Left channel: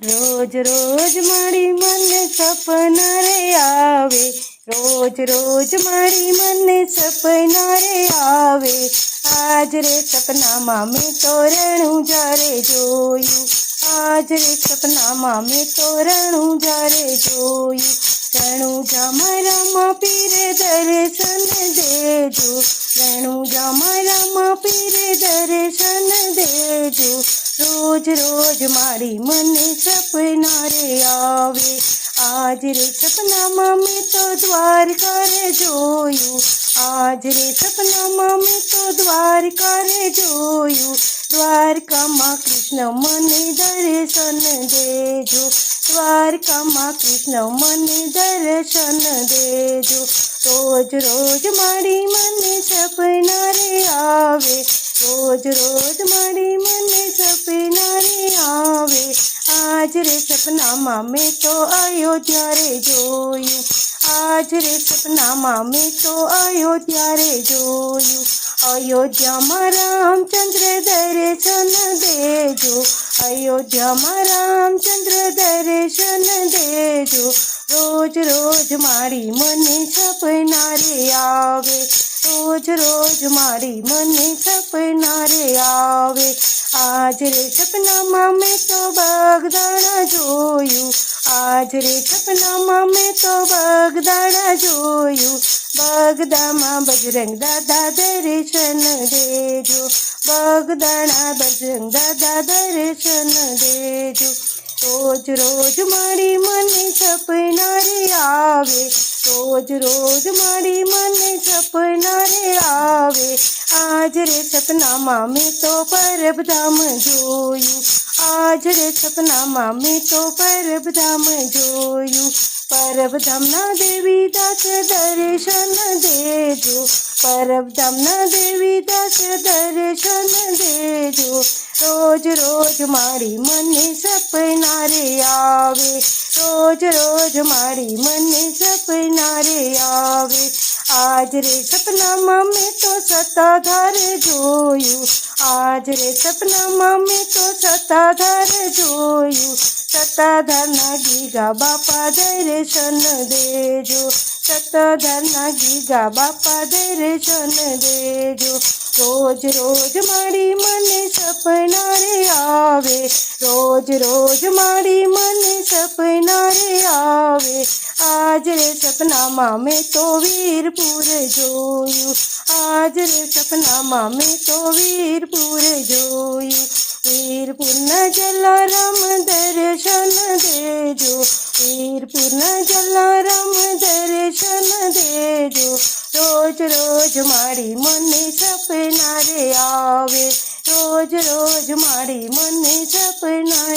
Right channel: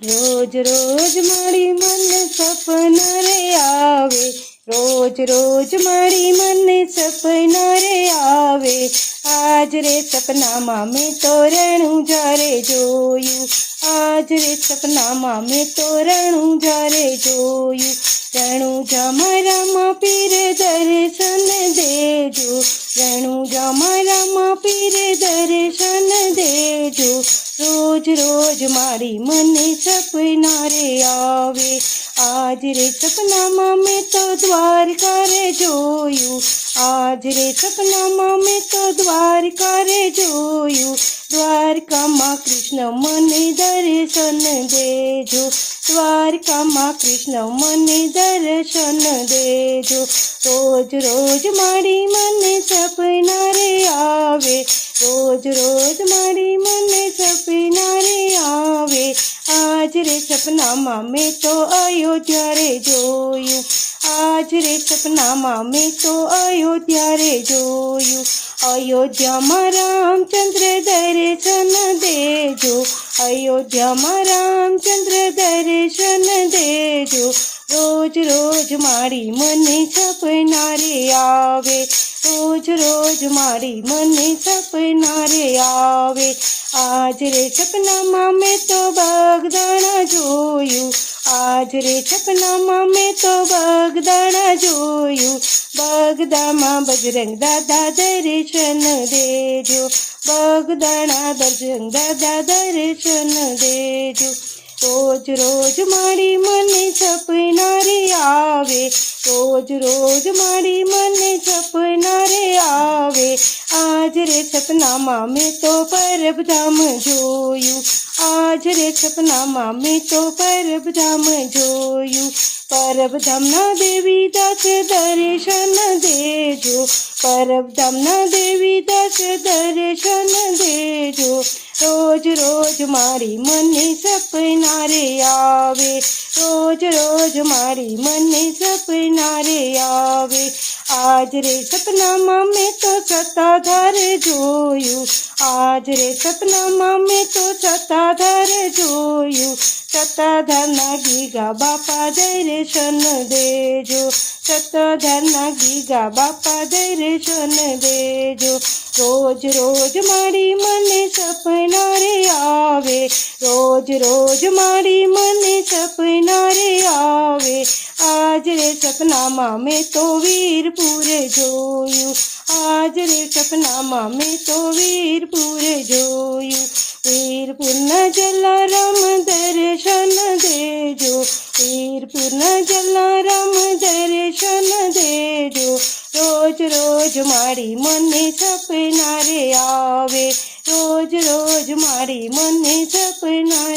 રોજ રોજ મારી મને સપના રે આવે રોજ રોજ મારી મને સપના રે આવે આજ રે સપનામાં મેં તો રણું જારે જોયું આજ રે સપનામાં મેં તો રણું જારે જોયું રણું જા મારામાં પીરે દર્શન દેજો રણું જા મારામાં પીરે દર્શન દેજો રોજ રોજ મારી મને સપના રે આવે આજ રે સપનામાં મેં તો દ્વારકા રે જોયું આજ રે સપનામાં મેં તો દ્વારકા રે જોયું દ્વારકામાં કૃષ્ણ મને દર્શન દેજો દ્વારકામાં કૃષ્ણ મને દર્શન દેજો રોજ રોજ મારી મને સપના રે આવે રોજ રોજ મારી રે સપનામાં મેં તો અયોધ્યા રે જોયું આજ રે સપનામાં મેં તો અયોધ્યા રે જોયું અયોધ્યામાં રામચંદ્ર દર્શન દેજો અયોધ્યામાં રામચંદ્ર દર્શન દેજો રોજ રોજ મારી મને સપના રે આવે રોજ રોજ મારી મને સપના રે આવે આજ રે સપનામાં મેં તો બગદાણા જોયું. આજ રે સપનામાં મેં તો બગદાણા જોયું. બગદામાં બજરંગ દાદા દર્શન દેજો. બગદાણા બજરંગ દાદા દર્શન દેજો. રોજ રોજ મારી મને સપનારી આવે. રોજ રોજ મારી આજ રે સપનામાં મેં તો પરબધામ જોયું. આજ રે સપનામાં મેં તો પરબધામ જોયું. પરબધામના દેવી દાસ દર્શન દેજો. પરબધામના દેવી દાસ દર્શન દેજો. રોજ રોજ મારી મને સપના રે આવે. રોજ રોજ મારી મને આજ રે સપનામાં મેં તો સત્તાધાર જોયું આજ રે સપનામાં મેં તો સત્તાધાર જોયું સત્તાધારના ગીગા બાપા દર્શન દેજો સત્તાધારના ગીગા બાપા દર્શન દેજો રોજ રોજ મારી મને સપના રે આવે રોજ રોજ મારી મને સપના રે આવે આજ રે સપનામાં મેં તો વીરપુરે જોયું આજ રે સપનામાં મેં તો વીરપુરે જોયું વીરપુરના જલારામ દર્શન દેજો વીરપુરના જલારામ દર્શન દેજો રોજ રોજ મારી મને સપના રે આવે રોજ રોજ મારી મને સપના